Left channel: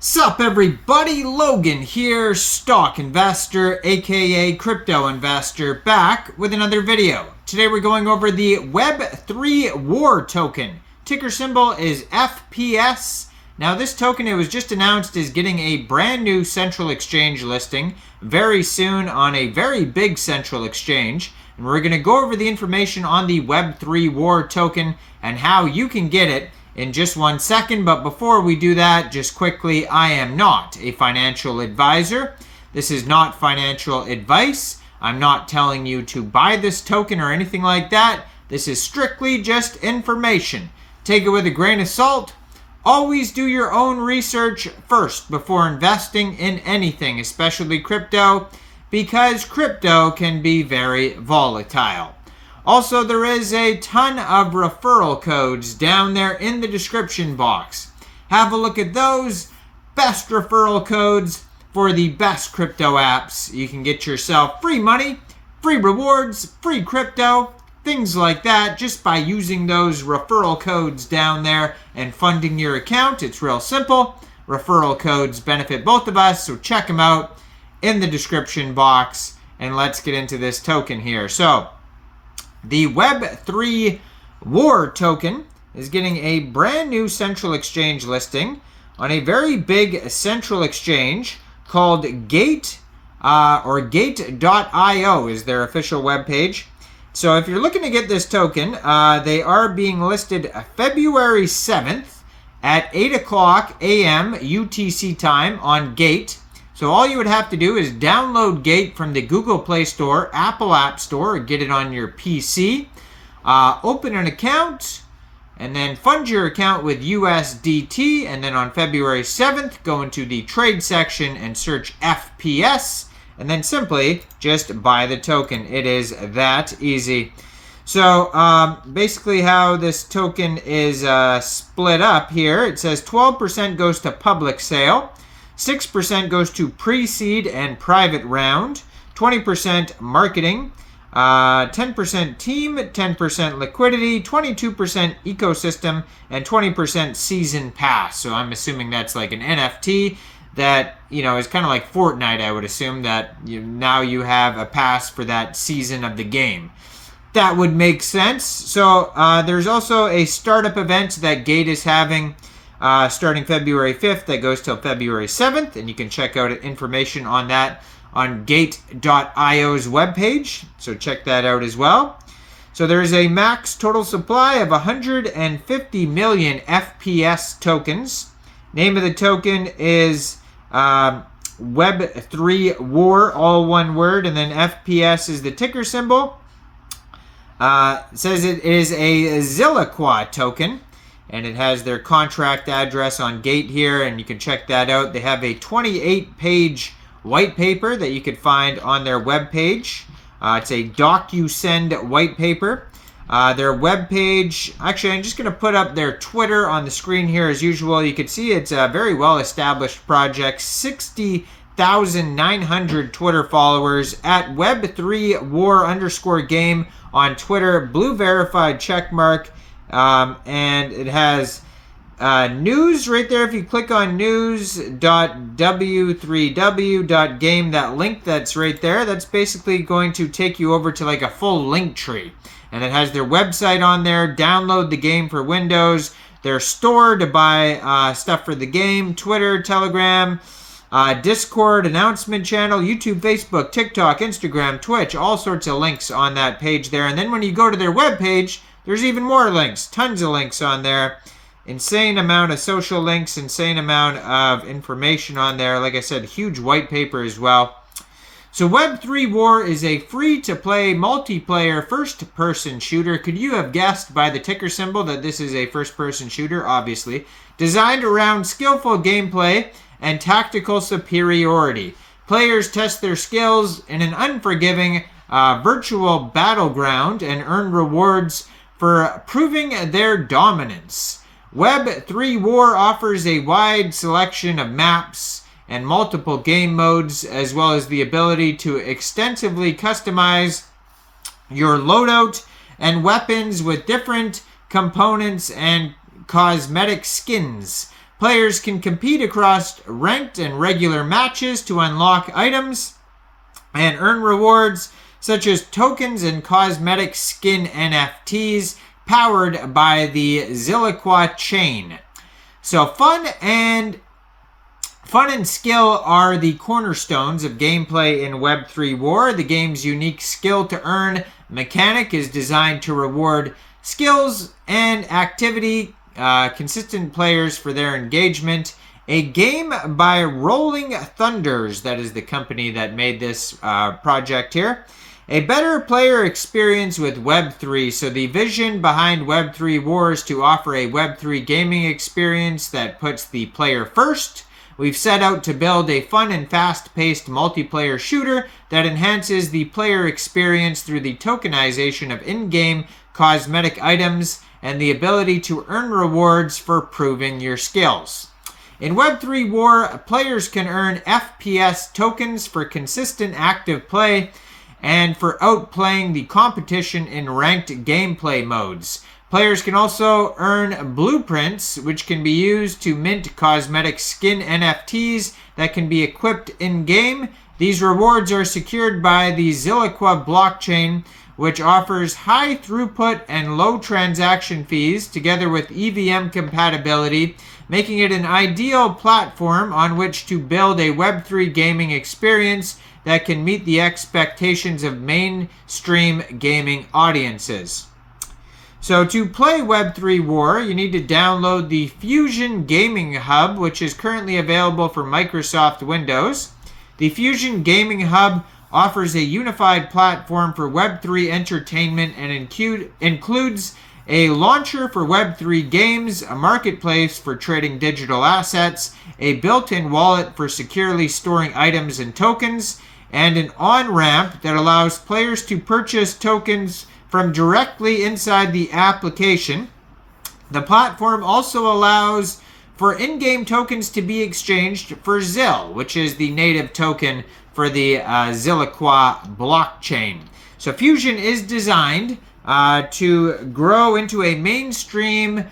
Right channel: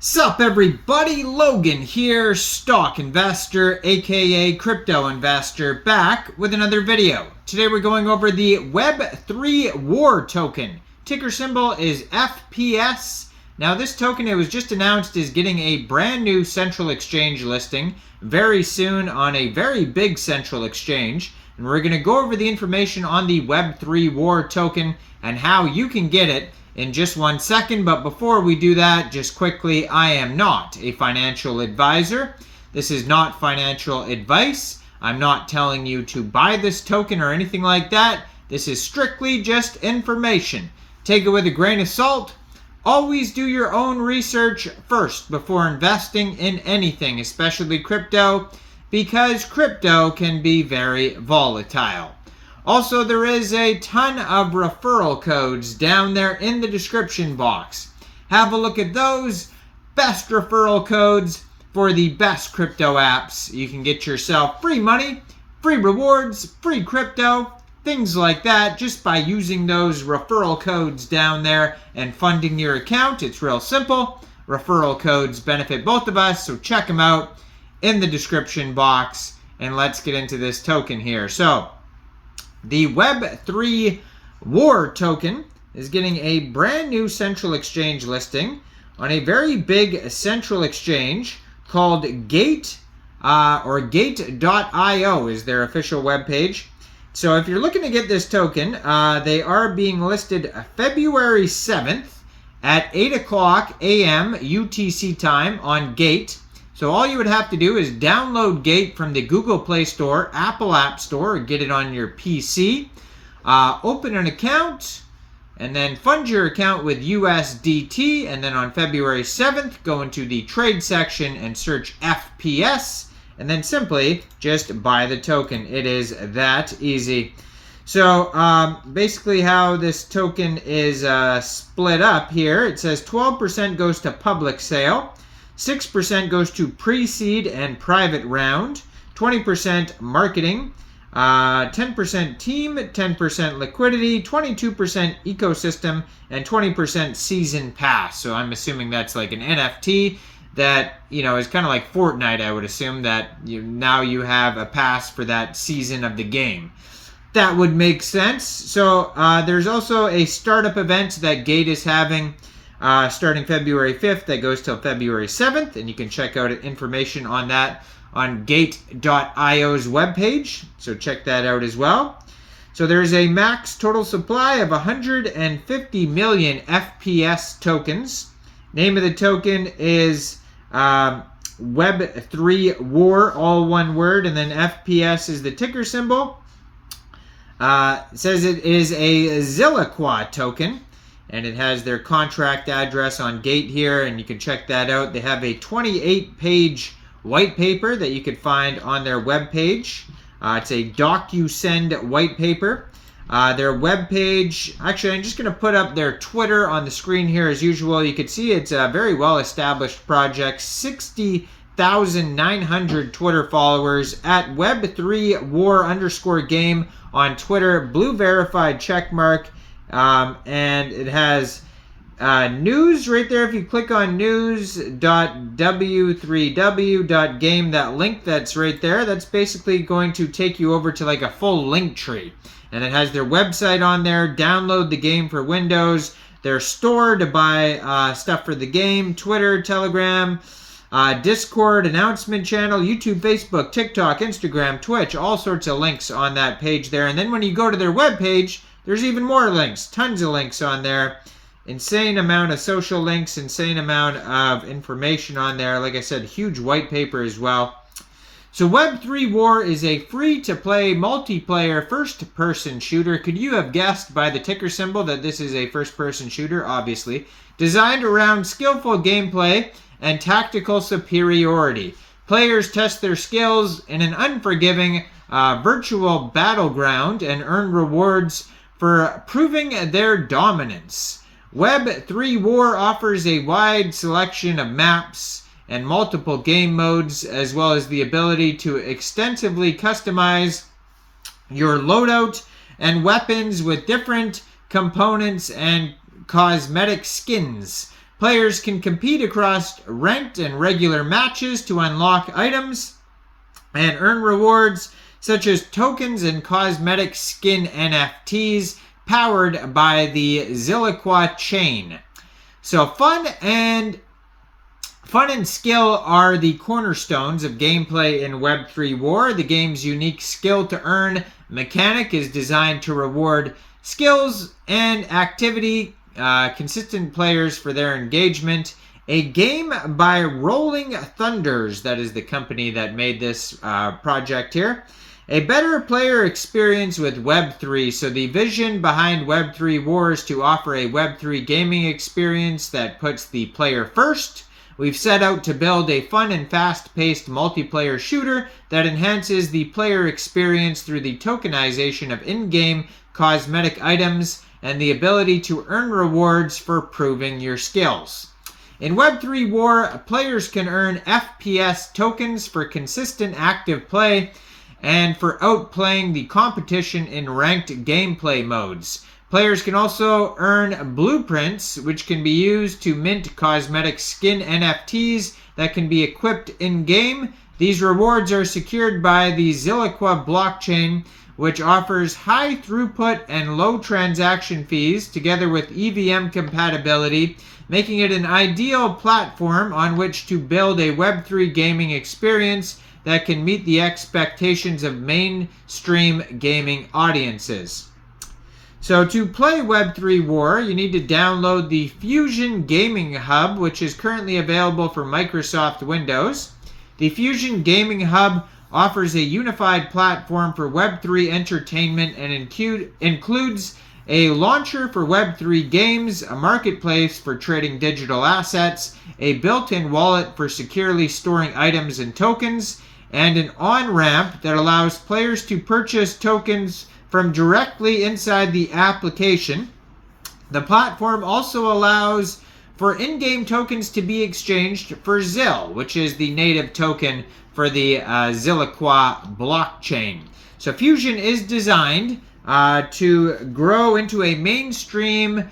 Sup everybody, Logan here, stock investor aka crypto investor, back with another video. Today we're going over the WEB3WAR token. Ticker symbol is FPS. Now this token, it was just announced, is getting a brand new central exchange listing very soon on a very big central exchange. And we're going to go over the information on the WEB3WAR token and how you can get it in just 1 second. But before we do that, just quickly, I am not a financial advisor. This is not financial advice. I'm not telling you to buy this token or anything like that. This is strictly just information. Take it with a grain of salt. Always do your own research first before investing in anything, especially crypto, because crypto can be very volatile. Also, there is a ton of referral codes down there in the description box. Have a look at those. Best referral codes for the best crypto apps. You can get yourself free money, free rewards, free crypto, things like that, just by using those referral codes down there and funding your account. It's real simple. Referral codes benefit both of us, so check them out in the description box. And let's get into this token here. So, the WEB3WAR token is getting a brand new central exchange listing on a very big central exchange called Gate, or Gate.io is their official webpage. So if you're looking to get this token, they are being listed February 7th at 8 o'clock a.m. UTC time on Gate. So all you would have to do is download Gate from the Google Play Store, Apple App Store, or get it on your PC. Open an account, and then fund your account with USDT. And then on February 7th, go into the trade section and search FPS. And then simply just buy the token. It is that easy. So basically how this token is split up here, it says 12% goes to public sale. 6% goes to pre-seed and private round, 20% marketing, 10% team, 10% liquidity, 22% ecosystem, and 20% season pass. So I'm assuming that's like an NFT that, you know, is kind of like Fortnite, I would assume, that now you have a pass for that season of the game. That would make sense. So there's also a startup event that Gate is having starting February 5th that goes till February 7th, and you can check out information on that on Gate.io's webpage, so check that out as well. So there's a max total supply of 150 million FPS tokens. Name of the token is WEB3WAR, all one word, and then FPS is the ticker symbol. It says it is a Zilliqa token, and it has their contract address on Gate here, and you can check that out. They have a 28-page white paper that you could find on their webpage. It's a DocuSend white paper. Their webpage, actually, I'm just going to put up their Twitter on the screen here as usual. You can see it's a very well-established project, 60,900 Twitter followers at WEB3WAR_game on Twitter, blue verified checkmark. And it has news right there. If you click on news.w3w.game, that link that's right there, that's basically going to take you over to like a full link tree. And it has their website on there, download the game for Windows, their store to buy stuff for the game, Twitter, Telegram, Discord, announcement channel, YouTube, Facebook, TikTok, Instagram, Twitch, all sorts of links on that page there. And then when you go to their webpage, there's even more links, tons of links on there. Insane amount of social links, insane amount of information on there. Like I said, huge white paper as well. So WEB3WAR is a free-to-play multiplayer first-person shooter. Could you have guessed by the ticker symbol that this is a first-person shooter? Obviously. Designed around skillful gameplay and tactical superiority. Players test their skills in an unforgiving virtual battleground and earn rewards for proving their dominance. WEB3WAR offers a wide selection of maps and multiple game modes, as well as the ability to extensively customize your loadout and weapons with different components and cosmetic skins. Players can compete across ranked and regular matches to unlock items and earn rewards such as tokens and cosmetic skin NFTs powered by the Zilliqa chain. So fun and skill are the cornerstones of gameplay in Web3 War. The game's unique skill to earn mechanic is designed to reward skills and activity consistent players for their engagement. A game by Rolling Thunders, that is the company that made this project here. A better player experience with Web3. So the vision behind Web3 War is to offer a Web3 gaming experience that puts the player first. We've set out to build a fun and fast-paced multiplayer shooter that enhances the player experience through the tokenization of in-game cosmetic items and the ability to earn rewards for proving your skills. In Web3 War, players can earn FPS tokens for consistent active play and for outplaying the competition in ranked gameplay modes. Players can also earn blueprints, which can be used to mint cosmetic skin NFTs that can be equipped in-game. These rewards are secured by the Zilliqa blockchain, which offers high throughput and low transaction fees together with EVM compatibility, making it an ideal platform on which to build a Web3 gaming experience that can meet the expectations of mainstream gaming audiences. So to play Web3 War, you need to download the Fusion Gaming Hub, which is currently available for Microsoft Windows. The Fusion Gaming Hub offers a unified platform for Web3 entertainment and includes a launcher for Web3 games, a marketplace for trading digital assets, a built-in wallet for securely storing items and tokens, and an on-ramp that allows players to purchase tokens from directly inside the application. The platform also allows for in-game tokens to be exchanged for ZIL, which is the native token for the Zilliqa blockchain. So Fusion is designed to grow into a mainstream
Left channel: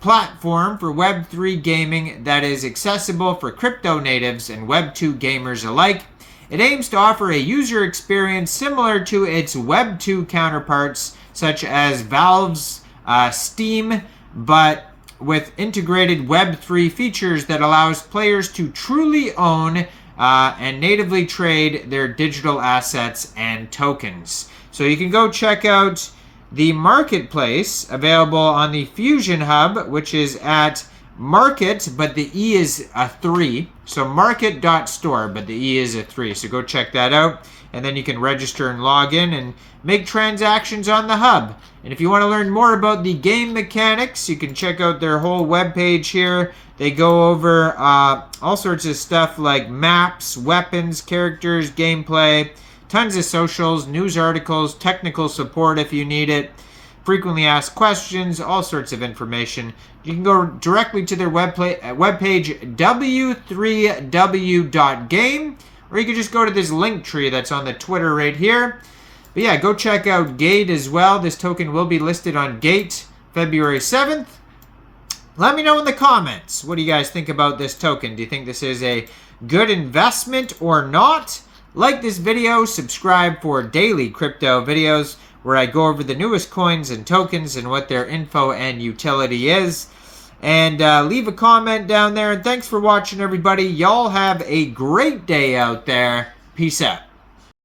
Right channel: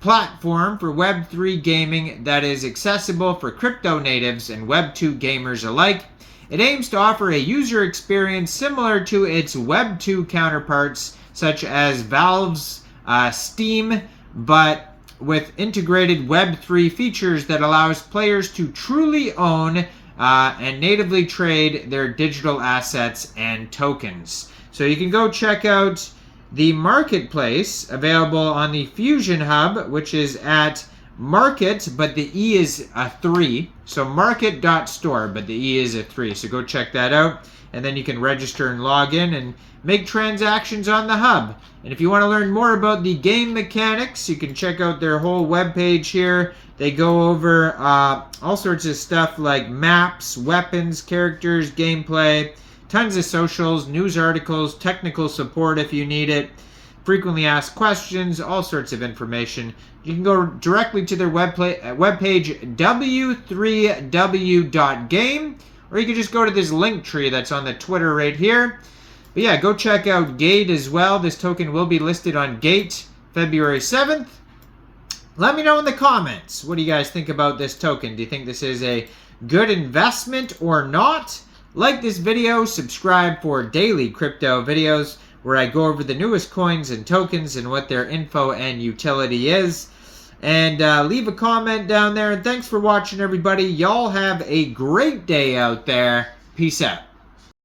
platform for Web3 gaming that is accessible for crypto natives and Web2 gamers alike. It aims to offer a user experience similar to its Web2 counterparts, such as Valve's Steam, but with integrated Web3 features that allows players to truly own and natively trade their digital assets and tokens. So you can go check out the marketplace available on the Fusion Hub, which is at market, but the E is a 3. So market.store, but the E is a 3. So go check that out. And then you can register and log in and make transactions on the hub. And if you want to learn more about the game mechanics, you can check out their whole webpage here. They go over all sorts of stuff like maps, weapons, characters, gameplay, tons of socials, news articles, technical support if you need it, frequently asked questions, all sorts of information. You can go directly to their webpage, W3W.game, or you can just go to this link tree that's on the Twitter right here. But yeah, go check out Gate as well. This token will be listed on Gate February 7th. Let me know in the comments, what do you guys think about this token? Do you think this is a good investment or not? Like this video, subscribe for daily crypto videos where I go over the newest coins and tokens and what their info and utility is. And leave a comment down there. And thanks for watching, everybody. Y'all have a great day out there. Peace out.